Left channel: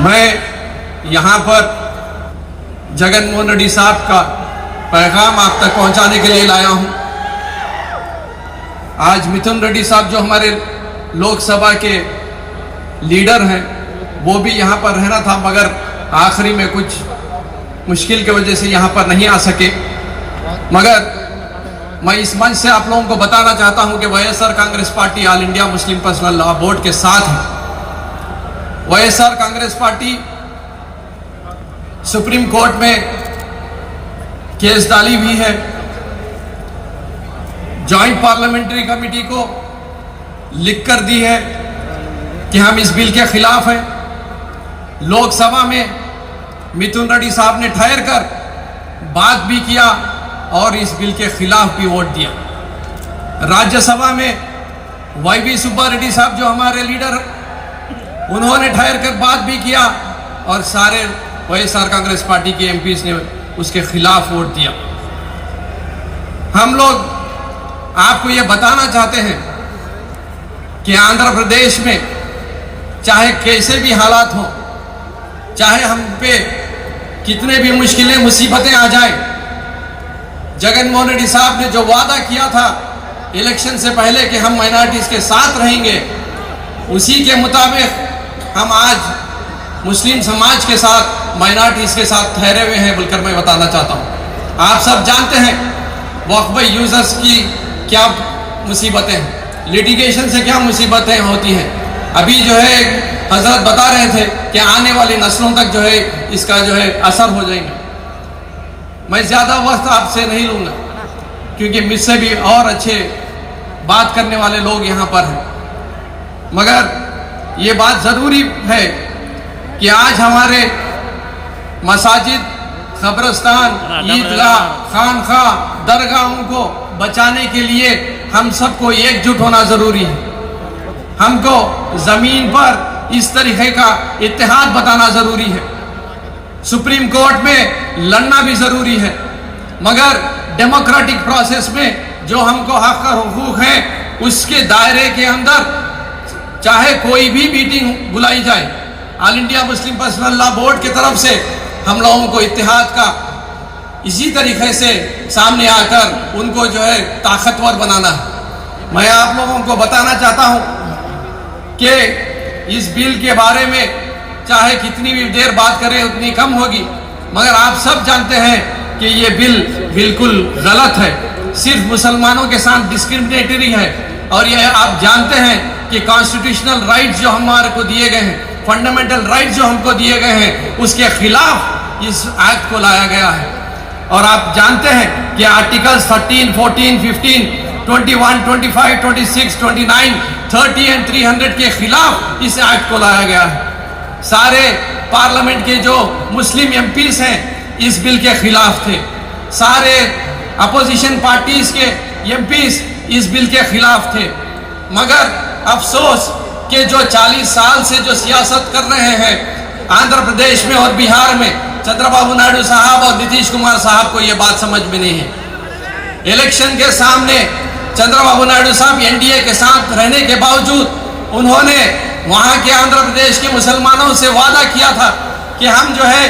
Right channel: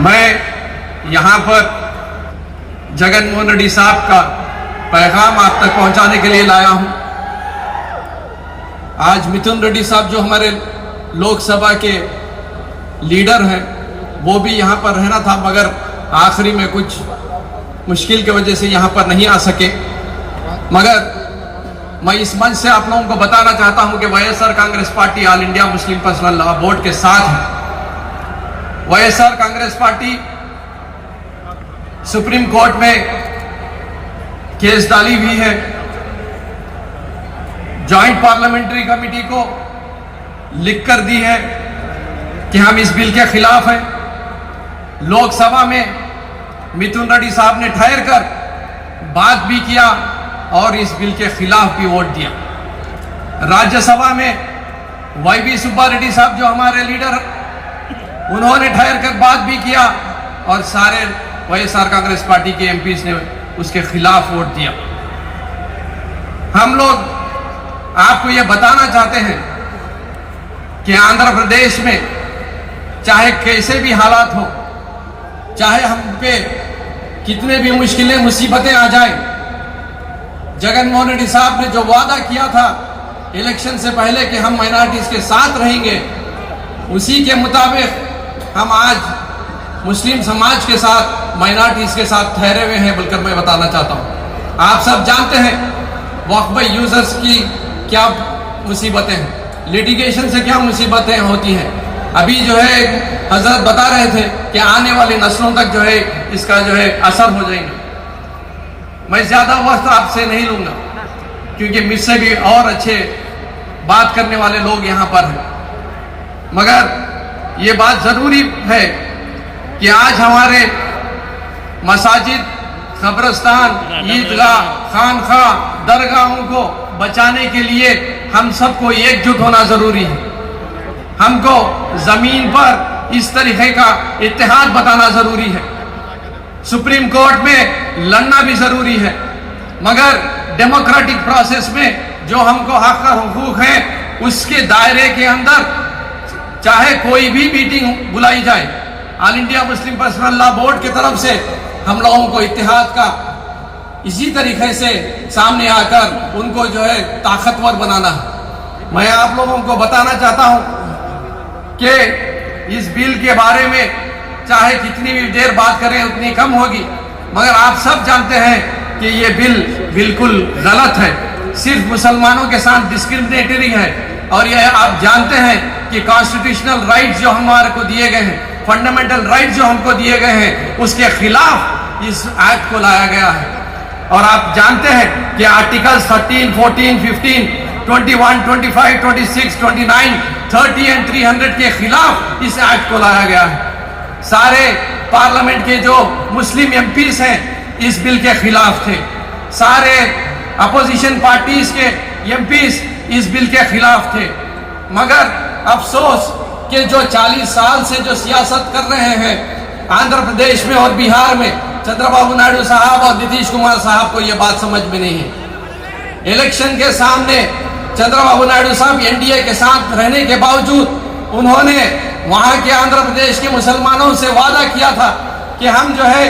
मैं यहाँ पर जगनमोहन रेड्डी साहब का पैगाम आप तक पहुँचाने के लिए लाया हूँ। आज मिथुन रेड्डी साहब जो हमारे लोकसभा के लीडर हैं, वो भी यहाँ पर रहना था, मगर आखिरी में कुछ मुश्किल की वजह से यहाँ पर नहीं आ सके। मगर मैं इस मंच से आप लोगों को बताना चाहता हूँ कि YSR Congress party all India Muslim personal law board के साथ है। YSR Congress party supreme court में केस डाली हुई है। जॉइंट पार्लियामेंट्री कमेटी को लिख कर दी है कि हम इस बिल के खिलाफ हैं। लोकसभा में मिथुन रेड्डी साहब ने ठहर कर बात भी किया और इस बिल के खिलाफ भी वोट दिया। राज्यसभा में वाईवी सुब्बा रेड्डी साहब जो हमारे लीडर हैं, उन्होंने ठहर कर बात भी किया और सारे वाईएसआर कांग्रेस पार्टी के एमपीज ने उसके खिलाफ वोट दिया। हम लोग आपको ये बताना चाहते हैं कि आंध्र प्रदेश में चाहे कैसे भी हालात हो, चाहे हम पे कितने भी मुश्किलें मुसीबतें आ जाए, जगनमोहन रेड्डी साहब ने जो वादा किया था इलेक्शन से पहले कि हम माइनॉरिटीज के साथ रहेंगे, उसी के मुताबिक हम आज मुस्लिम समाज के साथ, माइनॉरिटीज के साथ ठहरे हुए हैं बोलकर मैं बताना चाहता हूँ। आप सब जानते हैं वक्फ यूजर्स की क्या मुसीबतें हैं, लिटिगेशन से क्या मुसीबतें होती हैं। अभी जो है हजरत बता रहे थे कि आने वाली नस्लों तक जो है इसका जो है असर हो जाएगा। मैं ज्यादा वक्त आपसे नहीं लूंगा क्योंकि मुझसे भी और अच्छे बात करने वाले लोग यहाँ पर हैं, मगर ये बात जरूरी है कि आज हमारे मसाजिद, कब्रिस्तान, ईदगाह, खानखा, दरगाहों को बचाने के लिए हम सबको एकजुट होना जरूरी है। हमको जमीन पर इस तरीके का इत्तेहाद बताना जरूरी है। सुप्रीम कोर्ट में लड़ना भी जरूरी है, मगर डेमोक्रेटिक प्रोसेस में जो हमको हक और हुकूक है उसके दायरे के अंदर चाहे कोई भी मीटिंग बुलाई जाए, all India Muslim personal law board की तरफ से हम लोगों को इत्तेहाद का इसी तरीके से सामने आकर उनको जो है ताकतवर बनाना है। मैं आप लोगों को बताना चाहता हूं कि इस बिल के बारे में चाहे कितनी भी देर बात करें उतनी कम होगी, मगर आप सब जानते हैं कि ये बिल बिल्कुल गलत है, सिर्फ मुसलमानों के साथ डिस्क्रिमिनेटरी है। और यह आप जानते हैं कि कॉन्स्टिट्यूशनल राइट्स जो हमारे को दिए गए हैं, फंडामेंटल राइट्स जो हमको दिए गए हैं, उसके खिलाफ इस एक्ट को लाया गया है। और आप जानते हैं कि आर्टिकल्स 13, 14, 15, 21, 25, 26, 29, 30 एंड 300 के खिलाफ इस एक्ट को लाया गया है। सारे पार्लियामेंट के जो मुस्लिम एमपीज हैं इस बिल के खिलाफ थे, सारे अपोजिशन पार्टीज के एमपीज इस बिल के खिलाफ थे। मगर अफसोस कि जो 40 साल से जो सियासत कर रहे हैं आंध्र प्रदेश में और बिहार में, चंद्रबाबू नायडू साहब और नीतीश कुमार साहब को ये बात समझ में नहीं है। इलेक्शन के सामने चंद्रबाबू नायडू साहब एनडीए के साथ रहने के बावजूद उन्होंने वहां के आंध्र प्रदेश के मुसलमानों से वादा किया था कि हम जो है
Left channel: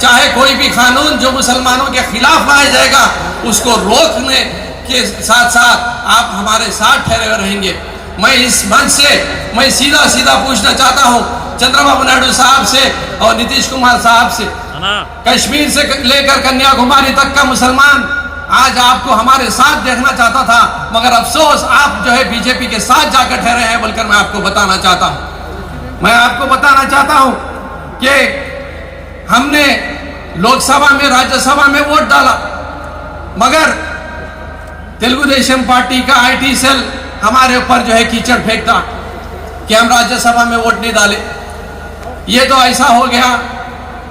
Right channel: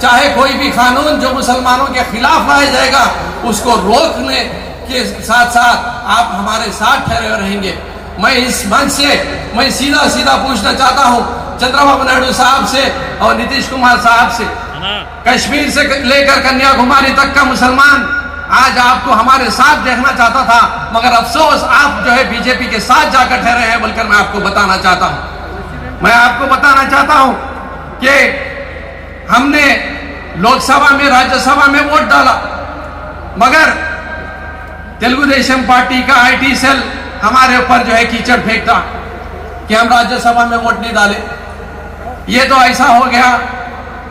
चाहे कोई भी कानून जो मुसलमानों के खिलाफ लाया जाएगा उसको रोकने के साथ साथ आप हमारे साथ ठहरे रहेंगे। मैं इस मंच से मैं सीधा सीधा पूछना चाहता हूं चंद्रबाबू नायडू साहब से और नीतीश कुमार साहब से, कश्मीर से लेकर कन्याकुमारी तक का मुसलमान आज आपको हमारे साथ देखना चाहता था, मगर अफसोस आप जो है बीजेपी के साथ जाकर ठहरे हैं बोलकर मैं आपको बताना चाहता हूं। मैं आपको बताना चाहता हूं कि हमने लोकसभा में, राज्यसभा में वोट डाला, मगर तेलुगु देशम पार्टी का आईटी सेल हमारे ऊपर जो है कीचड़ फेंकता कि हम राज्यसभा में वोट नहीं डाले। ये तो ऐसा हो गया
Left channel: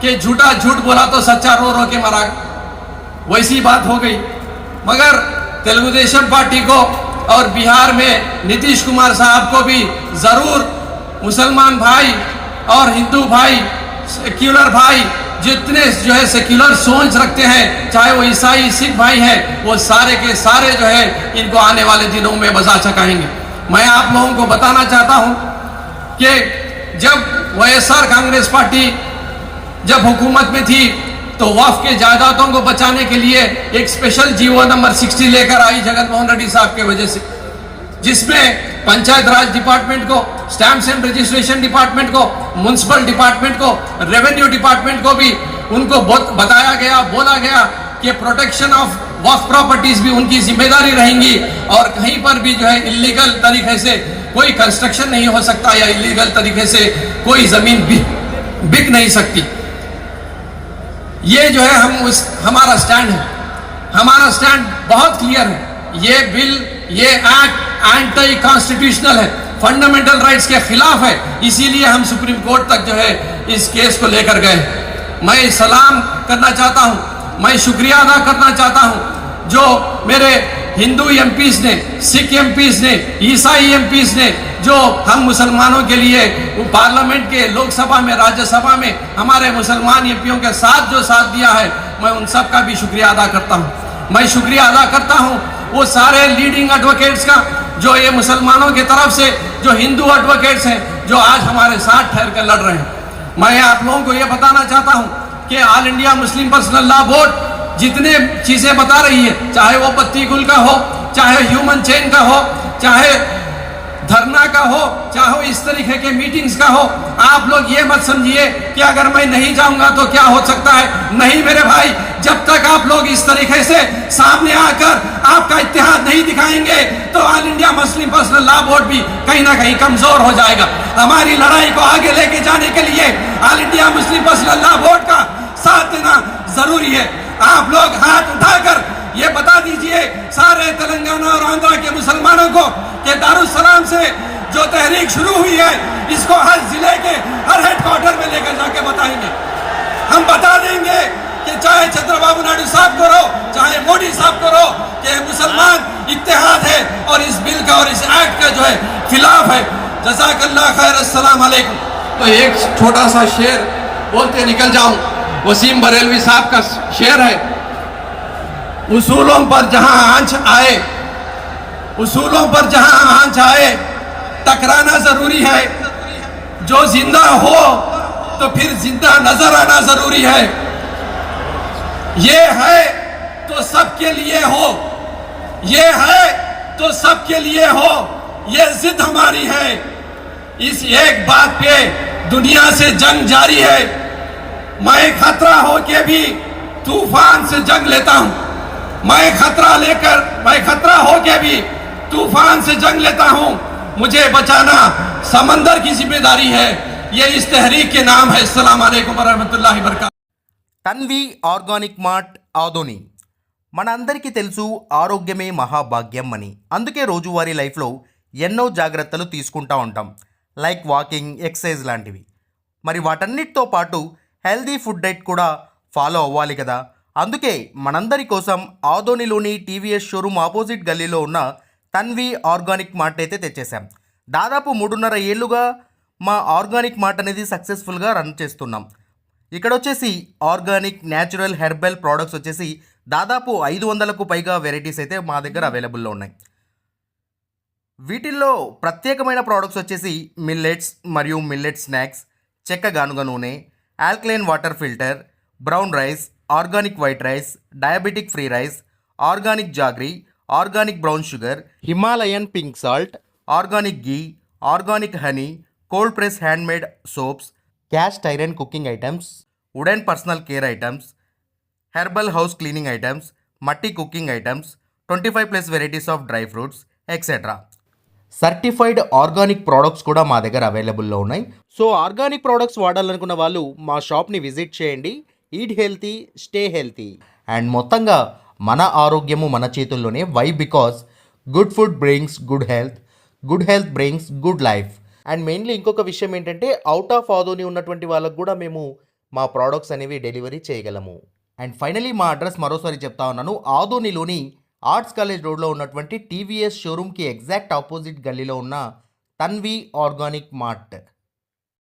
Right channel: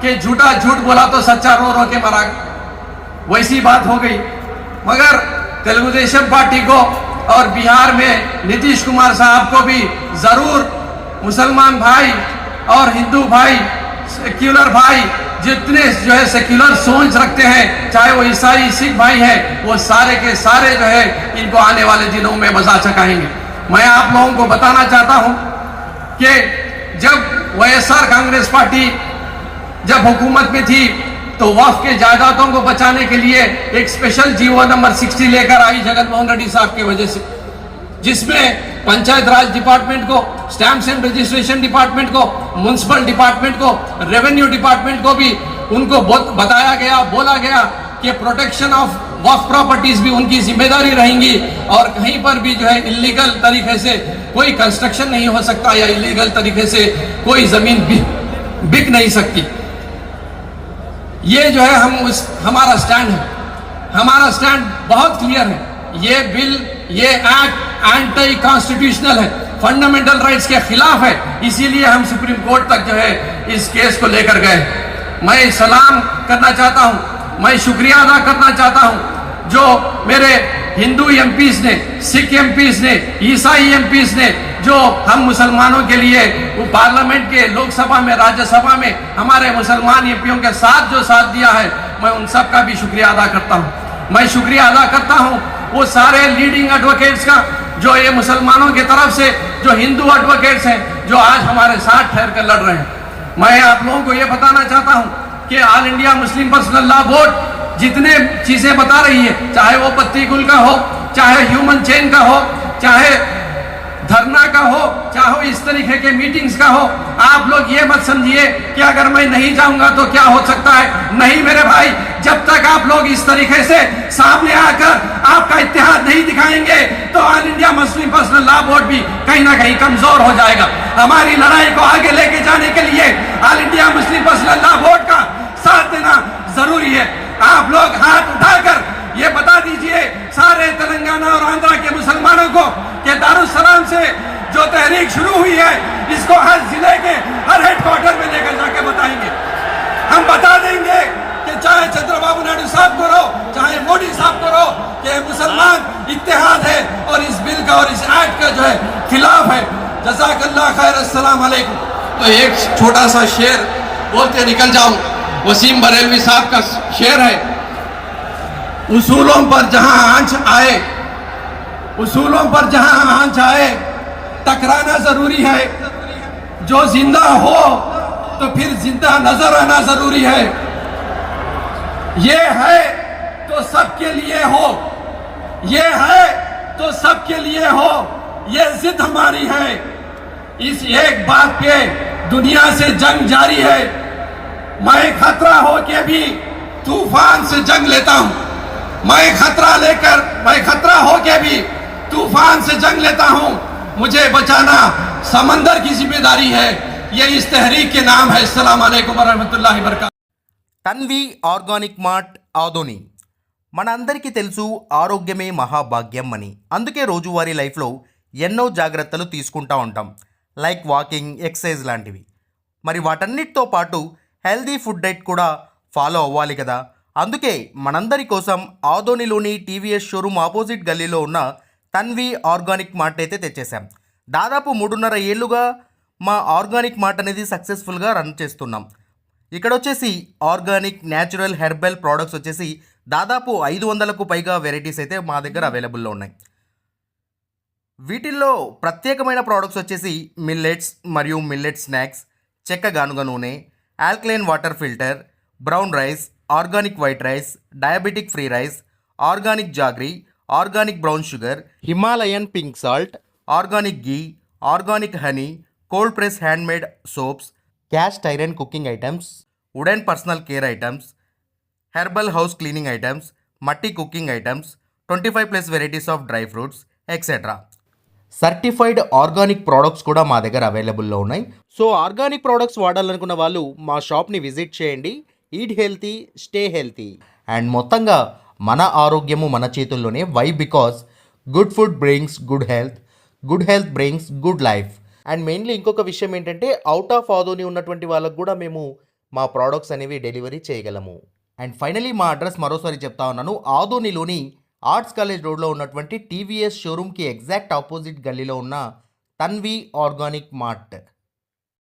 कि झूठा झूठ बोला तो सच्चा रो रो के मरा, वैसी बात हो गई। मगर तेलुगु देशम पार्टी को और बिहार में नीतीश कुमार साहब को भी जरूर मुसलमान भाई और हिंदू भाई, सेक्युलर भाई, जितने जो है सेक्युलर सोच रखते हैं, चाहे वो ईसाई सिख भाई हैं, वो सारे के सारे जो है इनको आने वाले दिनों में बचा सकाएंगे। मैं आप लोगों को बताना चाहता हूं कि जब वाईएसआर कांग्रेस पार्टी जब हुकूमत में थी तो वक्फ के जायदादों को बचाने के लिए एक स्पेशल जीवो नंबर 60 लेकर आई जगन मोहन रेड्डी साहब की वजह से, जिसमें पंचायत राज डिपार्टमेंट को, स्टैम्प्स एंड रजिस्ट्रेशन डिपार्टमेंट को, म्युनिसिपल डिपार्टमेंट को, रेवेन्यू डिपार्टमेंट को भी उनको बताया गया, बोला गया कि प्रोटेक्शन ऑफ वक्फ प्रॉपर्टीज भी उनकी जिम्मेदारी रहेंगी और कहीं पर भी जो है इलीगल तरीके से कोई कंस्ट्रक्शन नहीं हो सकता या इलीगल तरीके से कोई जमीन बिक नहीं सकती। ये जो है हमारा स्टैंड है, हमारा स्टैंड बहुत क्लियर है। ये बिल, ये एक्ट एंटी कॉन्स्टिट्यूशनल है, फंडामेंटल राइट्स के खिलाफ है, इसीलिए हम सुप्रीम कोर्ट तक जो है इस केस को लेकर गए। मैं सलाम करना चाहता हूं, मैं शुक्रिया अदा करना चाहता हूं जो मेरे हिंदू एमपीज ने, सिख एमपीज ने, ईसाई एमपीज ने जो हम मुसलमानों के लिए पार्लियामेंट के, लोकसभा में, राज्यसभा में हमारे मुसलमान एमपीओं के साथ जो साथ दिया है, मैं उन सब का भी शुक्रिया अदा करता हूं। मैं शुक्रिया अदा करता हूं वो सारे लीडिंग एडवोकेट्स का जो ये मुसलमानों की तरफ से जो हिंदू एडवोकेट्स हैं जो आज हमारे साथ ठहर कर लड़ रहे हैं। मैं आप लोगों को ये बताना चाहता हूं कि all India Muslim personal law board जितने चीजें बता रही है, चाहे वो पत्ती गुल का हो, चाहे ह्यूमन चेन का हो, चाहे धरना का हो, चाहे इस तरीके के मीटिंग्स का हो, आप लोग ये मत समझिए कि अगर मैं नहीं जाऊंगा तो क्या हो सकता है। नहीं मेरे भाई, जब तक आप लोग इस तरीके से सामने आकर आपका इत्तेहाद नहीं दिखाएंगे तो all India Muslim personal law board भी कहीं ना कहीं कमजोर हो जाएगा। हमारी लड़ाई को आगे लेके जाने के लिए all India Muslim personal law board का साथ देना जरूरी है। आप लोग हाथ उठाकर ये बता दीजिए सारे तेलंगाना और आंध्रा के मुसलमानों को कि दारुस्सलाम से जो तहरीक शुरू हुई है इसको हर जिले के हर हेडक्वार्टर में लेकर जाके बताएंगे। हम बता देंगे कि चाहे चंद्रबाबू नायडू साहब को रो, चाहे मोदी साहब को रो, कि मुसलमान इत्तेहाद है और इस बिल का और इस एक्ट का जो है खिलाफ है। जज़ाकल्लाह खैर, अस्सलाम वालेकुम। तो एक छोटा सा शेर बोलते निकल जाऊं, वसीम बरेलवी साहब का शेर है, उसूलों पर जहां आंच आए, उसूलों पर जहां आंच आए टकराना जरूरी है। जो जिंदा हो तो फिर जिंदा नजर आना जरूरी है। ये है तो सबके लिए हो, ये है तो सबके लिए हो, ये जिद हमारी है। इस एक बात पे दुनिया से जंग जारी है। मैं खतरा होके भी तूफान से जंग लेता हूं। मैं खतरा होके भी तूफान से जंग लेता हूं। मुझे बचाना समंदर की जिम्मेदारी है। ये इस तहरीक के नाम है। अस्सलाम वालेकुम वरहमतुल्लाहि वबरकातुहू। Tanvi organic mart Adoni. మనందరికీ తెలుసు ఆరోగ్యమే మహాభాగ్యం అని. అందుకే రోజువారీ లైఫ్లో ఎన్నో జాగ్రత్తలు తీసుకుంటూ ఉంటాం, లైక్ వాకింగ్, ఎక్సర్సైజ్ లాంటివి. మరి వాటన్నిటితో పాటు హెల్దీ ఫుడ్ డైట్ కూడా ఫాలో అవ్వాలి కదా. అందుకే మనందరి కోసం ఆదోనిలోని టీవీఎస్ షోరూమ్ ఆపోజిట్ గల్లీలో ఉన్న తన్వి ఆర్గానిక్ మార్ట్ అయితే తెచ్చేసాం. దాదాపు 3.5 ఏళ్ళుగా మా ఆర్గానిక్ మార్ట్ అనేది సక్సెస్ఫుల్గా రన్ చేస్తున్నాం. ఇక్కడ వచ్చేసి ఆర్గానిక్, న్యాచురల్, హెర్బల్ ప్రోడక్ట్స్ వచ్చేసి దాదాపు 500కు పైగా వెరైటీస్ అయితే మా దగ్గర అవైలబుల్లో ఉన్నాయి. వీటిల్లో ప్రత్యేకమైన ప్రోడక్ట్స్ వచ్చేసి మిల్లెట్స్ మరియు మిల్లెట్ స్నాక్స్, చెక్క గానుగ నూనె, alkaline water filter, brown rice, organic white rice, diabetic free rice, organic jaggery, organic brown sugar, Himalayan pink salt, organic ghee, organic honey, cold press handmade soaps, cast iron cooking items, wooden personal care items, herbal house cleaning items, మట్టి cooking items, 25+ varieties of dry fruits etcetera. Certified organic products కూడా మా దగ్గర అవైలబుల్లో ఉన్నాయి. So organic products వాడాలనుకున్న వాళ్ళు మా షాప్ని visit చేయండి. Eat healthy, stay healthy. And మొత్తంగా మన ఆరోగ్యము మన చేతుల్లోనే. Why? Because good food brings good health brings good life. And mainly ఇంకొక విషయం ఏంటంటే అవుట్ ఆఫ్ ఆదోని ఉన్నటువంటి వాళ్ళకు కూడా మేము మా ప్రోడక్ట్స్ అనేవి డెలివరీ చేయగలము. అండ్ ఫైనలీ మా అడ్రస్ మరోసారి చెప్తా ఉన్నాను. ఆదోనిలోని ఆర్ట్స్ కాలేజ్ రోడ్లో ఉన్నటువంటి టీవీఎస్ షోరూమ్కి ఎగ్జాక్ట్ ఆపోజిట్ గల్లీలో ఉన్న Tanvi organic mart.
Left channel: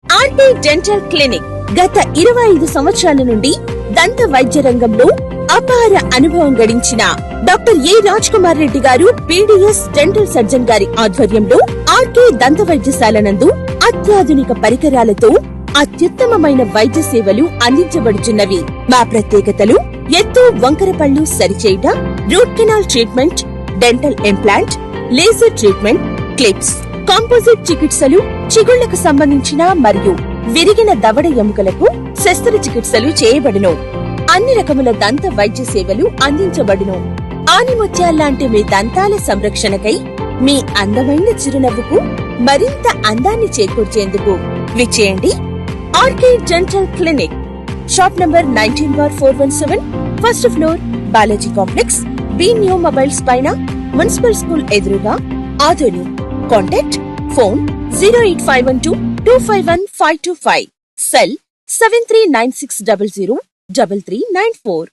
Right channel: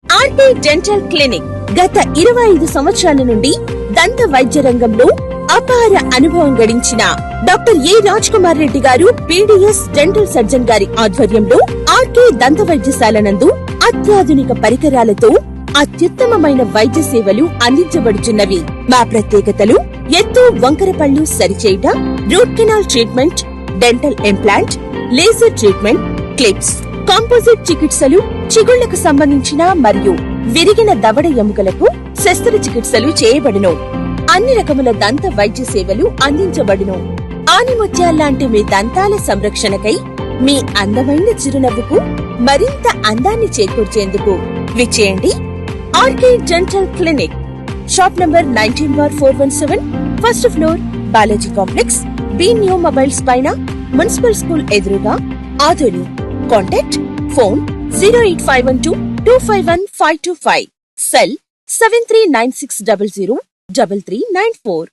RT dental clinic గత 25 సంవత్సరాల నుండి దంత వైద్య రంగంలో అపార అనుభవం గడించిన doctor A Raj Kumar Reddy garu PDS dental surgeon గారి ఆధ్వర్యంలో ఆర్కే దంత వైద్యశాల నందు అత్యాధునిక పరికరాలతో అత్యుత్తమమైన వైద్య సేవలు అందించబడుచున్నవి. మా ప్రత్యేకతలు ఎత్తు వంకర పళ్ళు సరిచేయుట, root canal treatment, dental implant, laser treatment, clips, composite చికిత్సలు, చిగుళ్లకు సంబంధించిన మరియు విరిగిన దవడ ఎముకలకు శస్త్రచికిత్సలు చేయబడును. అన్ని రకముల దంత వైద్య సేవలు అందించబడును. ఆనిముత్యాల్లాంటి మీ దంతాల సంరక్షణకై మీ అందమైన చిరునవ్వుకు మరింత అందాన్ని చేకూర్చేందుకు విచ్చేయండి RK dental clinic. Shop number 19/417, first floor, Balaji complex, B new mobiles పైన, మున్సిపల్ స్కూల్ ఎదురుగా, ఆదోని. Contact phone 08512251525, cell 7396003394.